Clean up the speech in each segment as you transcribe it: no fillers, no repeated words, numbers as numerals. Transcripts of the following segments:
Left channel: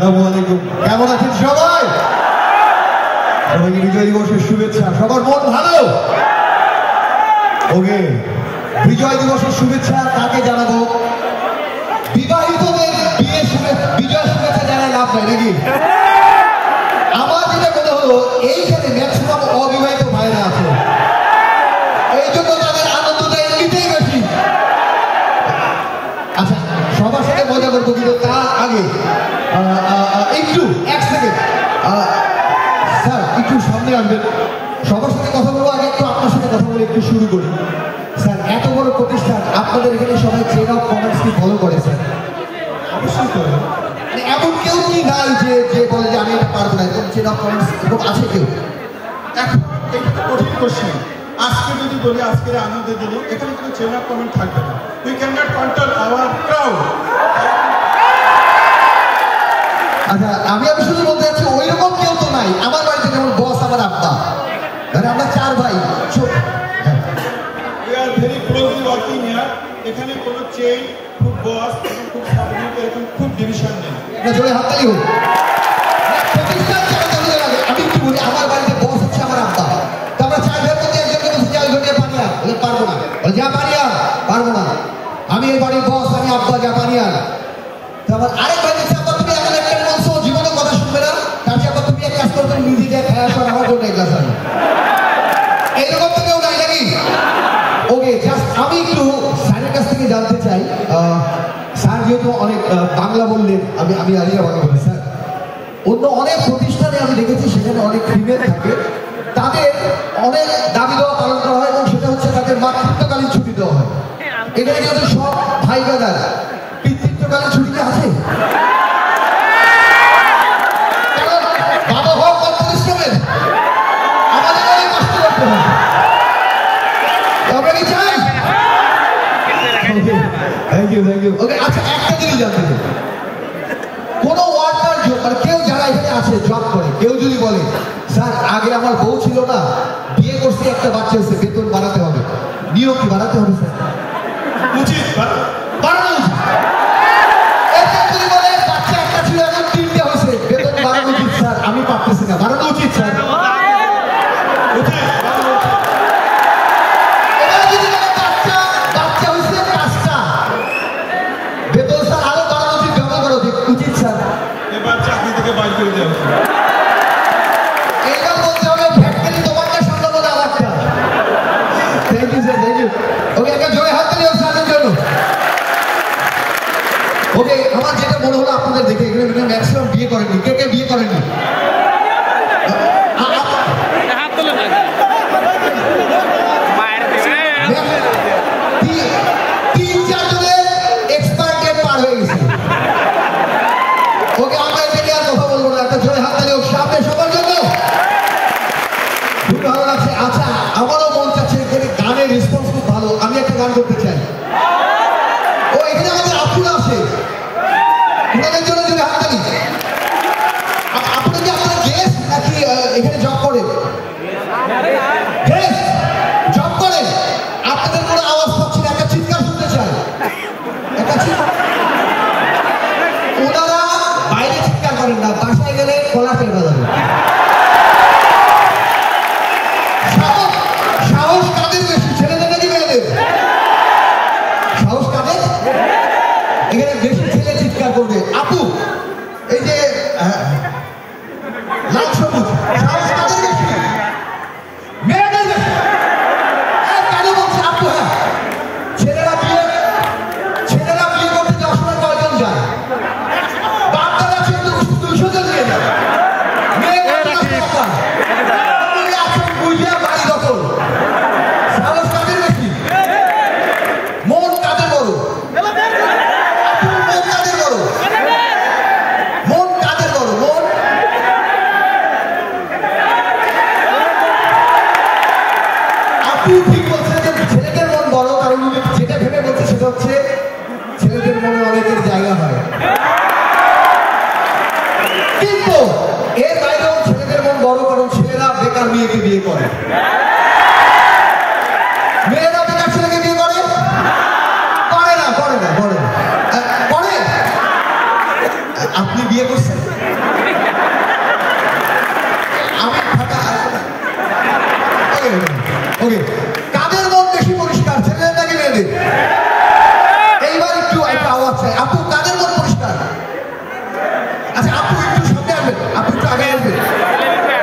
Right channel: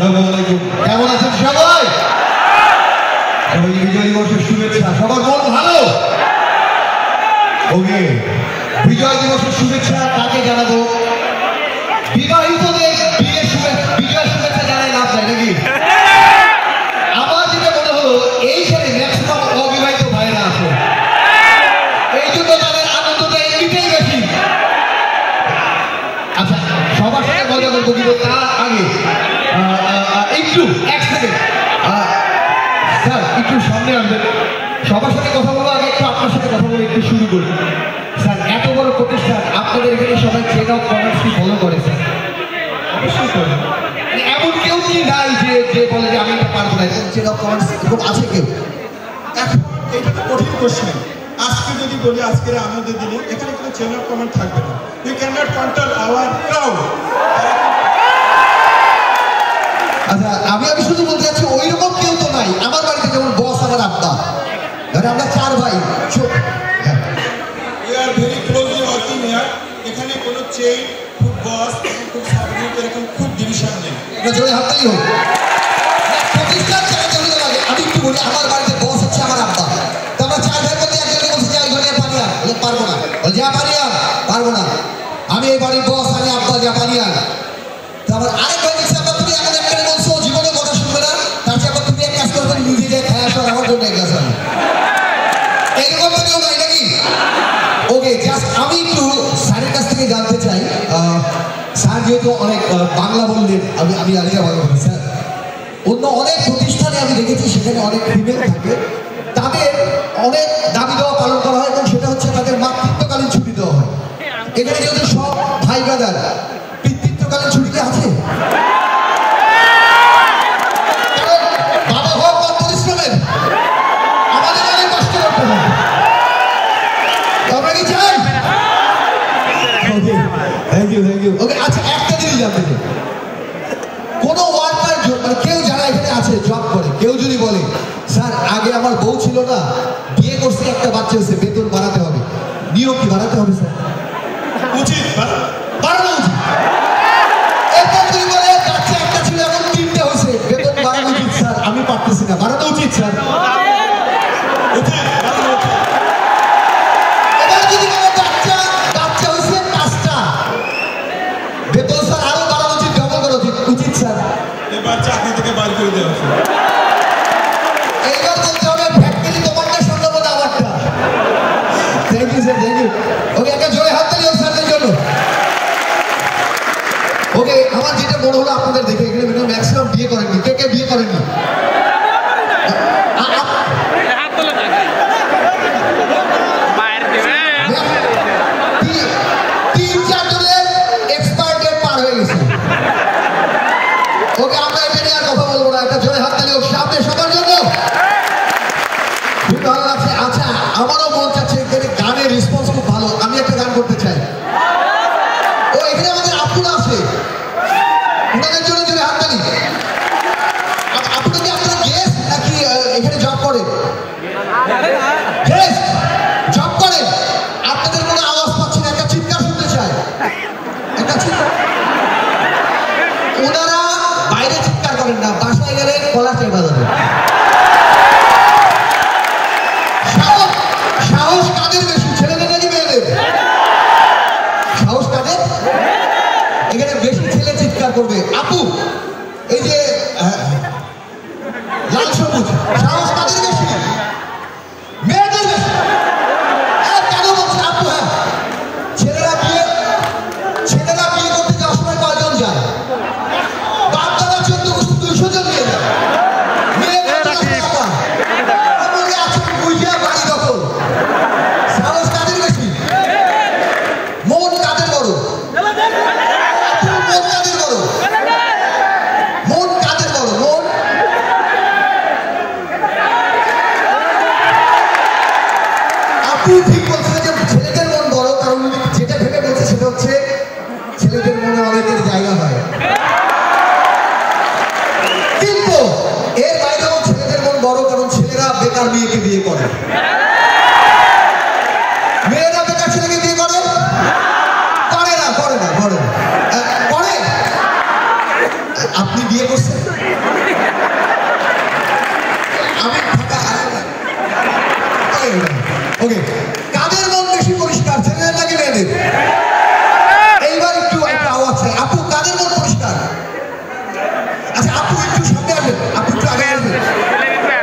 আসসালামু আলাইকুম। কেমন আছেন সবাই? সবাই বিজয় দিবসের শুভেচ্ছা। সবার মন ভালো? ওকে, বিজয় দিবসের শুভেচ্ছা কাকে জানাবো? বিবাহিতদের বিজয় শুভেচ্ছা জানাই লাভ নাই নাকি? আমার যেটা মনে হলো এইখানে ম্যাক্সিমাম অবিবাহিত ভাইরা আছে, এই জন্য তাদের আনন্দটা এমনিতেই বেশি। আচ্ছা, সবার সাথে মজা করবো, কিন্তু তার আগে একটু এক সেকেন্ড স্যার একটু সামনে আসবেন। সবার সাথে কথা বলবো, আগে একটু আপনার সাথে কথা বলে একটু শুরু করি। স্যার, এত বড় প্রতিষ্ঠান, আপনাদের এখানে সবাই চেন অফ কমার্স কি ফলো করে স্যার? অবশ্যই করে। এমন কেউ কি নাই যে যে বলে যে আমি এটা পারবো না, এরকম চেন অফ কমার্স এরকম আছে কেউ? এখন এটা তো কঠিন কোশ্চেন। আজকে যদি বলি আজকের আনন্দ দিল, এখানে কোনো চেন অফ কমান্ড থাকবে না। We can not control hour crowd. আচ্ছা, আমি শুধু বলতে চাচ্ছি ওইরকম কেউ তো নাই। আমার বাড়িতে যেমন বস আমার আব্বা, আমরা চার ভাই। We are very closely working here. এখানে কোনো চেইন, খুব বস এবং খুব সাবঅর্ডিনেট এরকম খুব ডিভিশন নেই। একটা জোরে হাততালি হোক। প্রতিষ্ঠান চালাতে হলে লাগে। আমি একটু বলি, আমার বাড়িতে বস হচ্ছে আমার আব্বা। তো আমরা চার ভাইয়ের মধ্যে একজনকে বলছি যে আমি ধরে পানি আন, বলে পারবো না, বলে যা পানি আন, পারবো না, আমি এই বাড়ির বস, আমি আব্বা, যা পানি আন। তো আমার আরেক ভাই বলছে আব্বা তুমি এখন একটা বলছো জীবনে কথা শুনবে না, তার চেয়ে আব্বা তুমি এক কাজ করবে, নিজে যে খায় আসো আমার জন্য এক গ্লাস আনো। এইরকম তো কেউ নাই নাকি? ওকে, জাস্ট আমি একটু স্যারের কাছ থেকে জানতে চাই। স্যার যেহেতু অনেক বাংলা বললেন, আমি আলিয়া বাংলা বলি। স্যার, অন্য অনেক প্রতিষ্ঠানে আমি দেখেছি সেখানে অনেক ফিমেল থাকে, তাদের অনেক দাবি দেওয়া পালন করা হয় এবং সেটা হচ্ছে তাদের মাতৃত্বকালীন ছুটি দেওয়া হয়। এখানে যেহেতু সব ভাই ব্রাদার, পিতৃত্বকালীন ছুটি কি আছে? বাবা হওয়ার পর পরিশ্রমের আমাদের অনেক কষ্ট করতে হয়, আমরা কি চাই? Thank you. ওকে, আচ্ছা একটা জিনিস জানতে চাই, কোনো ওয়ার্কার মানে কেউ যারা এখানে আছে জব করে, কেউ যদি বলে স্যার আগে আমার বউ ছিল না, বিয়ে করছে, একটা বাচ্চা হয়েছে, বেতন বাড়াতে হবে, নিয়োগ কি বাড়াতে হবে স্যার? উচিত বাড়ানো উচিত। এরপর যদি বলে বাচ্চা একটা ছিল, এখন 3টে হয়েছে, বেতন বাড়ানো উচিত স্যার, আমি পারতেছি না, বাড়ানো উচিত স্যার। এবার যদি বলে বাচ্চা হয়েছে 5টা, বেতন স্যার আরো বাড়ানো উচিত, জমা করা উচিত স্যার। এবার চাকরি থেকে বাইর করে দেওয়া উচিত। এইবার বলতে হবে ফ্যাক্টরি তোমারটা সামলাবো না আমারটা। Thank you sir, thank you. Okay, একটা জোরে হাত তালি হোক স্যারের জন্য। ওকে, আমার যেটা মনে হলো আপনাদের দেখে, এখানে ম্যাক্সিমাম বিয়ে করেননি। কে বিয়ে করেননি? তিন চার জনের এক্সপায়ার ডেট পার হয়ে গেছে। ওকে, আমরা এটা নিয়ে আর কথা বলবো না। একটা জোরে হাত তালি হোক সামনে সবার জন্য। খুব ভালো লাগছে। আচ্ছা, আমারও মন চাচ্ছে এখানে গানের রেসপন্স খুব ভালো, আমি একটা গান করতে চাই। ও এখানে আমাদের আপুরা আছে, ওনাদের জন্য জোরে হাত তালি। আপনি কি আপনার গেস্ট নাকি এখানে জব করেন? গেস্ট জব করেন, আপনাদের কোনো আওয়াজ পাচ্ছি না, একটা চিৎকার শুনতে চাই, একটা চিৎকার। ওনারা বাইরে চিৎকার করেন না, বাসায় গেলে গলা চেপে যাবে। সাহস কাদের বেশি, ছেলেদের নাকি মেয়েদের? সাহস কাদের? এখানে বেশি ছেলে চিৎকার করবে। আপু, এই যে লাল সবুজ, সাহস কাদের বেশি? মেয়েদের বেশি। কেন বলছে আপু? হ্যাঁ, ছেলেরা বিয়ে করতে যাওয়ার সময় কয়জন যায়? বাপ দাদা 14-200 জন নিয়ে যায়। মেয়ে আছে বুঝিয়া বাড়ি দখল। সাহস কাদের বেশি? মন কাদের বড়? মন কাদের বড়? মন কাদের বড়? মন আপু ঠিক বলছে যে ছেলেদের মন বড়, কারণ যেটা ভেবে বলছে সেটা হচ্ছে ছেলেদের মনে অনেকের জায়গা হয়, কিন্তু এর বাইরেও ছেলেদের মন বড়, কারণ ছেলেরা বেকার মেয়েকে বিয়ে করে। মেয়েরা বেকার ছেলেকে বিয়ে করে না? করে। আপনি বিয়ে করছেন? ওকে, কাদের মন বেশি পরিষ্কার, ছেলেদের নাকি মেয়েদের? এইবার একটু একটা আওয়াজ চাই। আপু কাদের মন পরিষ্কার? আচ্ছা আপু একটু সামনে আসবেন, আপু একটু আগে আসবেন,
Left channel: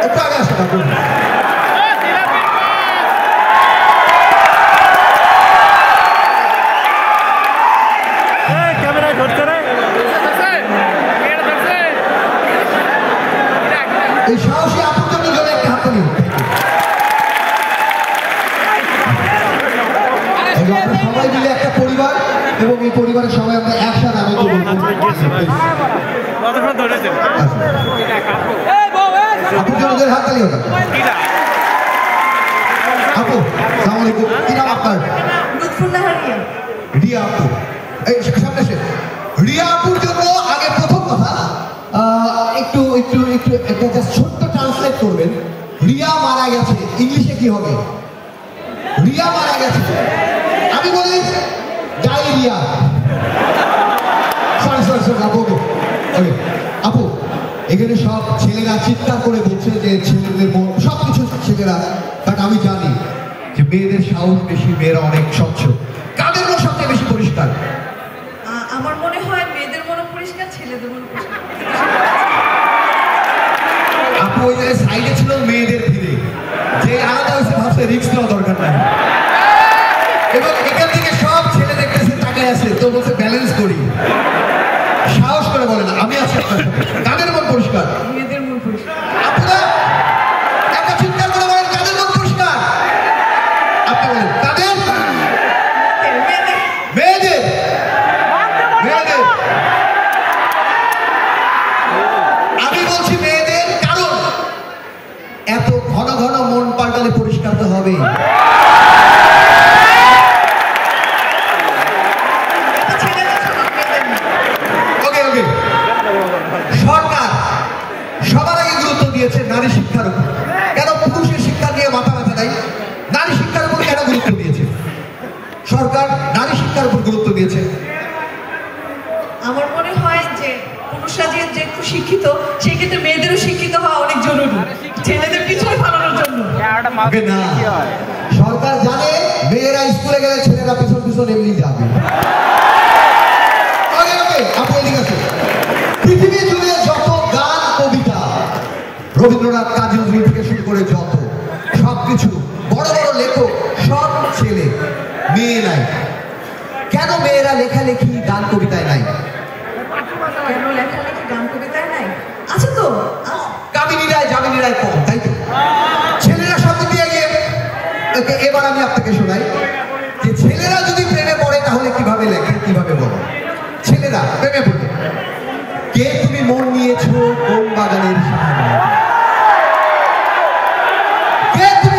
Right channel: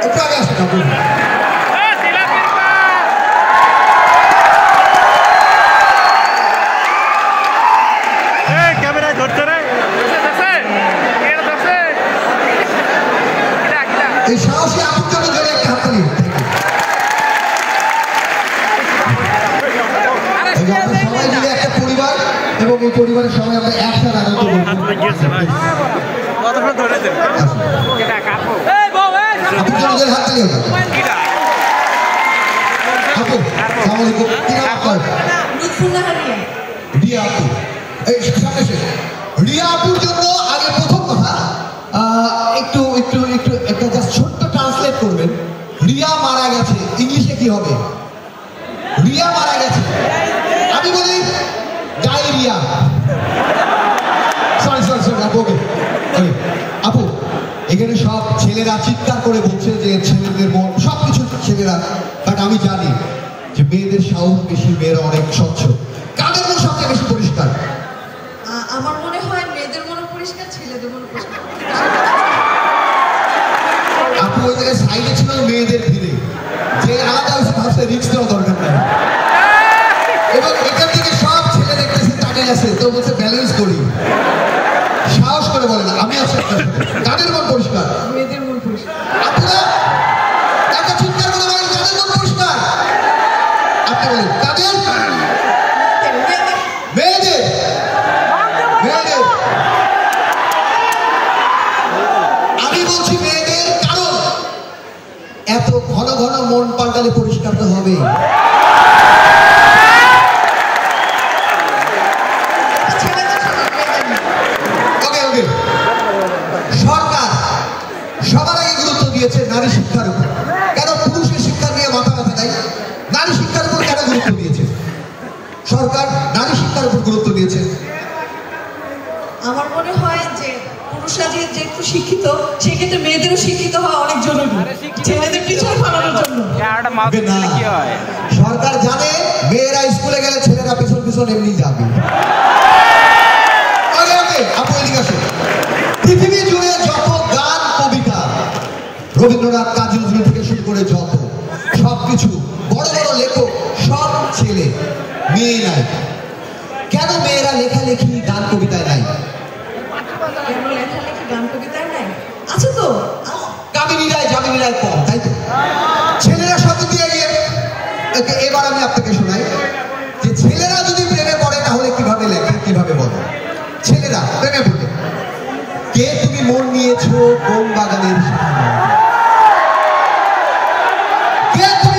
একটু আগে আসবেন আপু। ক্যামেরায় ধরছে রে, এই সাহসী আপুর জন্য জোরে একটা হাততালি। আমরা সবাই মিলে একটা পরিবার এবং এই পরিবারের সবাই আমরা একসাথে আনন্দ করব। আপুর জন্য জোরে হাততালি হোক। আপু আসসালামু আলাইকুম, কি নাম আপনার? রিয়া আপু। এই সামনে এসে রিয়া আপুর জন্য আগে প্রথম কথা একটু একটু একটু একটা জাস্ট ছোট্ট ট্রান্সলেট করবেন। রিয়া মারা গেছে, ইংলিশে কি হবে? রিয়া মারা গেছে, আমি বলি ডায়রিয়া। সরি সরি সরি আপু, ওকে ওকে আপু, এখানে সব ছেলেরা চিৎকার করে বলছে যে ছেলেদের মন সব কিছু ছেলেরা, বাট আমি জানি যে মেয়েদের সাহস বেশি, মেয়েরা অনেক স্বচ্ছ। কাদের মন সবচেয়ে বেশি পরিষ্কার? আমার মনে হয় মেয়েদের মনে পরিষ্কার, ছেলেদের মনে পরিষ্কার। আপু ওই জায়গায় সাইডে ছিল মেয়েদের ভিড়ে, যে আলাদা হয়েছে ভাবছে রিস্ক নেওয়া দরকার নাই। এবার এখান থেকে সব ছেলে দেখতেছে তাকায় আছে, তো বলছে ব্যালেন্স করি, সাহস করে বলে না আমি আছি আপনার সাথে। কাদের মন পরিষ্কার? মেয়েদের মনে পরিষ্কার। আপনারা একটা চিৎকার করে বলেন কাদের মন পরিষ্কার? আপনি বলেন কাদের? মেয়েদের। মেয়েদের। মেয়েদের। আমি বলছি মেয়েদের, কারণ এত ঘন ঘন মন পাল্টালে পরিষ্কার তো হবে। ওকে ওকে, সরকার সবার আগে গুরুত্ব দিয়েছে নারী শিক্ষার উপর। কেন পুরুষের শিক্ষা নিয়ে মাথা ব্যথা নাই? নারী শিক্ষার উপর কেন গুরুত্ব দিয়েছে সরকার? নারী শিক্ষার উপর গুরুত্ব দিয়েছে। আমার মনে হয় যে পুরুষরা যেহেতু শিক্ষিত, সেক্ষেত্রে মেয়েদেরও শিক্ষিত হওয়া অনেক জরুরি, ছেলেদের পিছনে ফেলানোর জন্য। ওকে, না, সরকার জানে মেয়েরা স্কুলে গেলে ছেলেরা পেছন পেছন এমনি যাবে। ওকে ওকে, আপনি এদিকে আসুন। পৃথিবী জুড়ে যত গান কবিতা, রবীন্দ্রনাথ কাজী নজরুল থেকে শুরু করে যত সবকিছু বড় বড় লেখক সব ছেলে, মেয়ে নাই। কেন মেয়েরা লেখালেখি গান কবিতায় নাই? কেন লেখালেখি গান কবিতায় নাই? আছে তো, কামিনী রায় জামিনী রায় কম, তাই তো? ছেলেরা সাথে দিয়ে গিয়ে এবার আমি আপনাকে শোনাই যে ছেলেরা যদি প্রেমে পড়ে তাহলে কিভাবে লেখে, কিভাবে বলে? ছেলেরা প্রেমে পড়ে, কে তুমি মন নিয়েছো কোন বাগানের শাখা? কে তুমি